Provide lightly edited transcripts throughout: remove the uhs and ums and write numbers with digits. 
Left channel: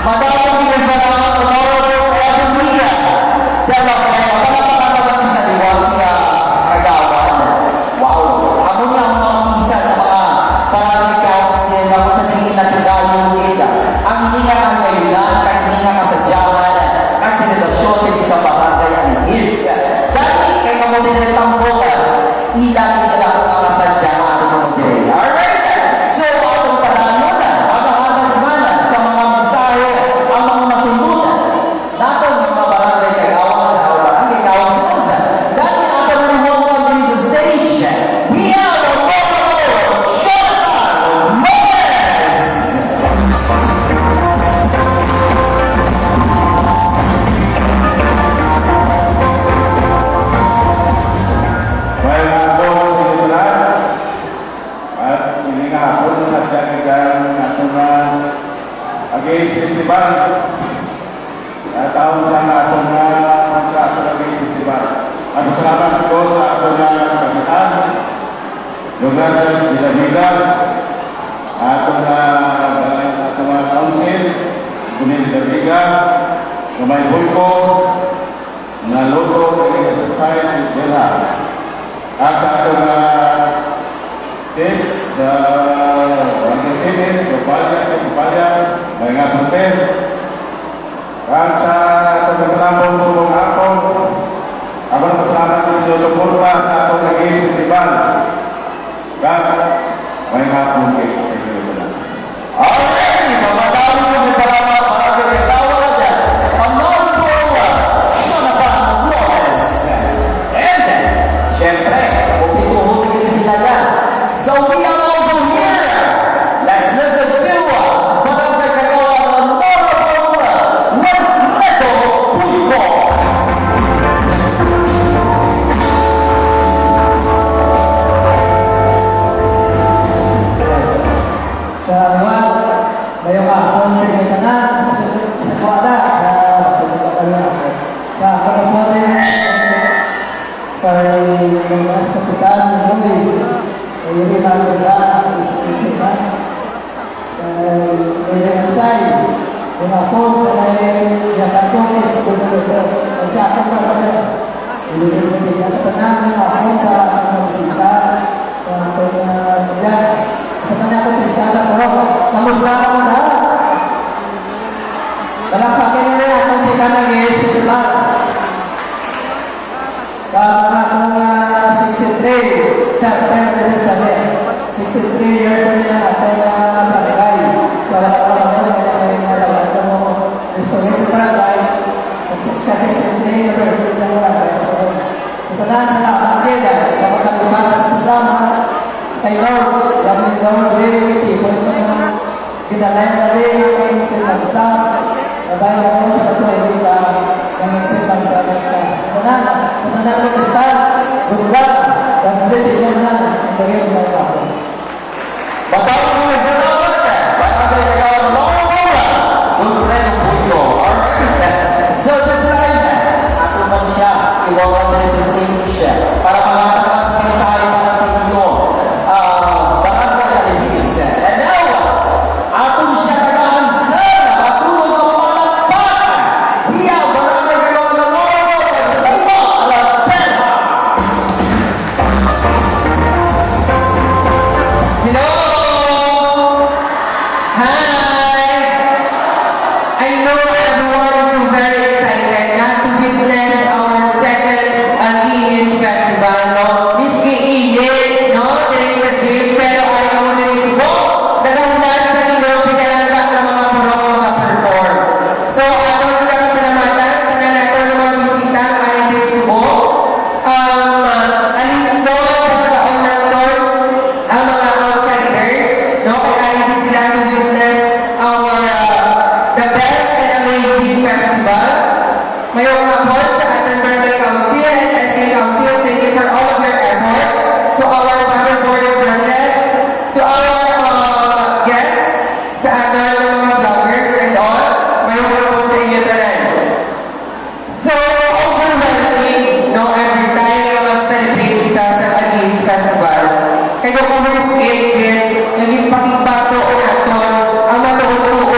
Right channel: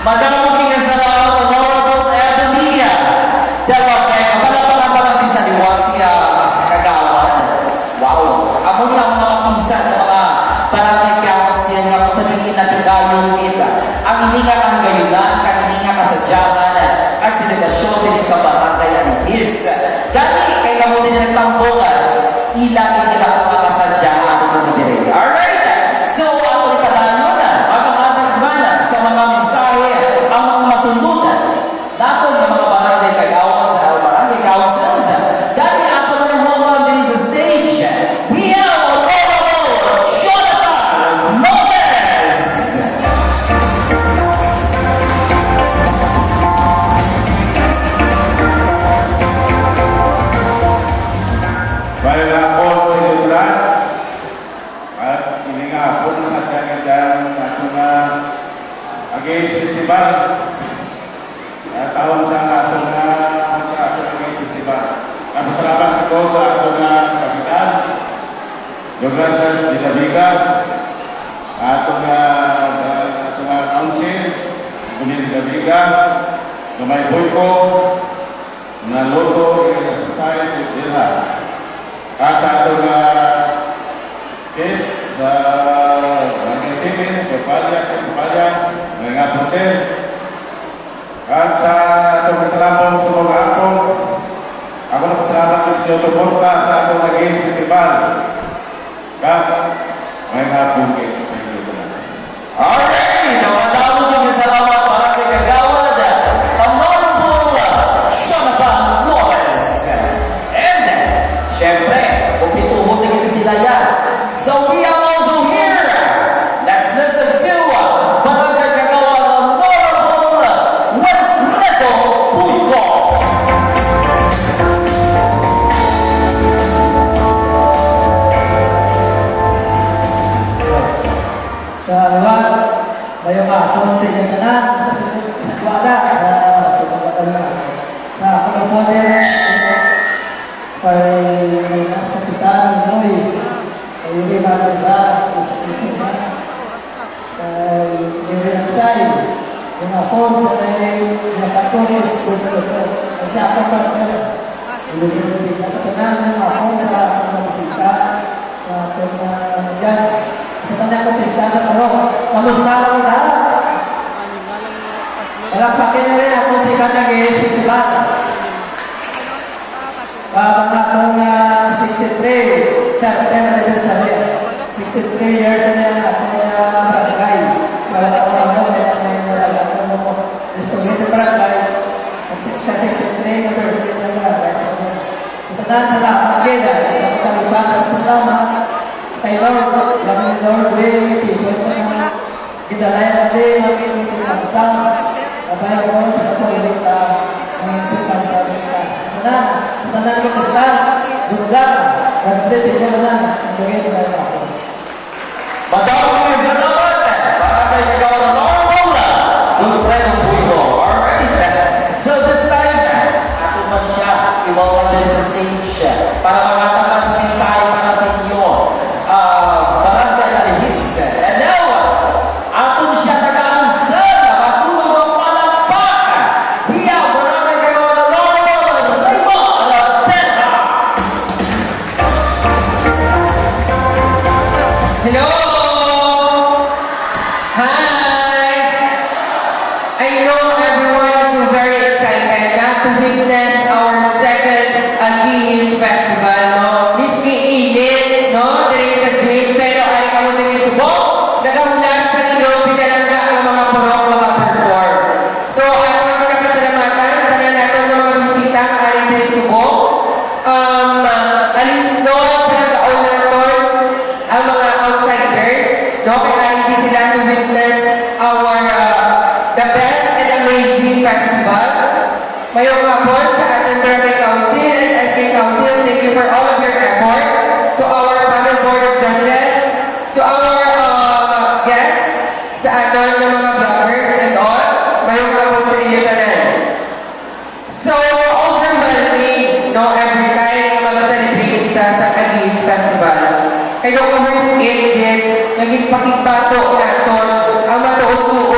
Madaming pinasalamat ang Honorable Ebenica. Dapat palapakan naman isa liwat siya kagawad. Wow! Amo niya ang mga pisa sa mga panamikaos niya nga kung sa tingin natin kayong ika. Ang hininga ang gayunan, ang hininga kasadyawan, ang selebrasyon din sa barangay Alinis. Dati kay kamutin na nagtambokas, ilangin na lang ang kasadyawan ng mga dire. Alright! So, atong padalo na, pagkahatag mana sa mga mensahe, ang mga masundutan. Nato ng mga barangay kagawan sa barangay kagawan sa Rosa. Dati ako na rin welcome din sa stage. We have a Honorable Jonathan Moses! Bayan na po sa Yulan at ininga po sa Tiyagidan at mga Agays Festival at taon sa atong Agays Festival. At salamat po sa atong kapitan Douglas Dilaviga, atong council Kunin Dilaviga, Gamay Bulko, Naluto, Society, Gerhard. At sa atong Chef, sa Barangay Simen, sa Upalya, mga Pusir. At sa atong matalambong sa mga ako, ako na pasalamat ko sinusuporta sa atong Agays Festival. Kap, may hapon kayo sa inyo naman. Alright! Namadami ko masalamat para kay kagawad ang Honorable Jonathan Moses. And, syempre, upituhon na kita sila yan. So we are also here. Let's listen to Barangay Kagawad ang Honorable Wilfredo Pulco. Sa luwag, bayo hapon sa inyong kanan, sa kuwada, sa pagkakuha para mas kapitan Zoe, yung iba nila, isipin na stay, yung hapon sa yung katolis, kasi ako pa sa ilugin na sa tanang ng hapon sa musika, sa jazz, sa tanang kontesta sa pero, namusla ako na. Malapakin na rin ako sa Agays Festival. Bago akong 63, sa anniversary. 63 years na ating barangay. So, alam ko na ito, may nalagay ko restoration sa barangay. At sa 63 na birthday sa barangay. So, ito na sa lakas ng keda. Ako sa ibasan sa Islama. Kay Lord, sabi ni Lord, really, people, ito na gidalay na rin namin sa Islama. Babay ka mo sa patuloy ka ng sitang sa Islama. Ito na, sa ko sa Gurlang, dan hindi sa inyo na ang bagay na ako. Matawag mo sa tawag para kay kagawad ng Honorable Wilfredo Pulco. Alright. So this time, ato man siya iwawag din sa stage para magatapat sa mensahe para sa inyo. Barangay Alinis. And now, ato siya taga-answer na matulog ng palakpak. Hiya, barangay kagawad ng Honorable Raymond Alapena. Hello! Hi! I know everyone is very excited not to witness our second Alinis Festival, no? Miski init, no? There is a dream, pero ay ka mo din subok. Nagahulan sa ilo, pinalangga ng mga purok mga perform. So, ato ang pinapasalamatan, tanan nato ng mga bisita ang aling din subok. Alinis doon, pinagaon nato ang mga outsiders, no? Kaya hindi sila to witness our the best and amazing festival. Mayroong hapon sa ating Barangay Council and SK Council, thank you for all of your efforts. To our panel board of judges, to our guests, sa ating mga vloggers and all, mayroong hapon sa inyo na rin. So, overwhelming, no? Every time mag-celebrate kita sa Agays Festival. Kaya kung overwhelming din, naging pakigbato natin ang matuon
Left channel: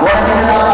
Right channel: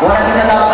Walang kita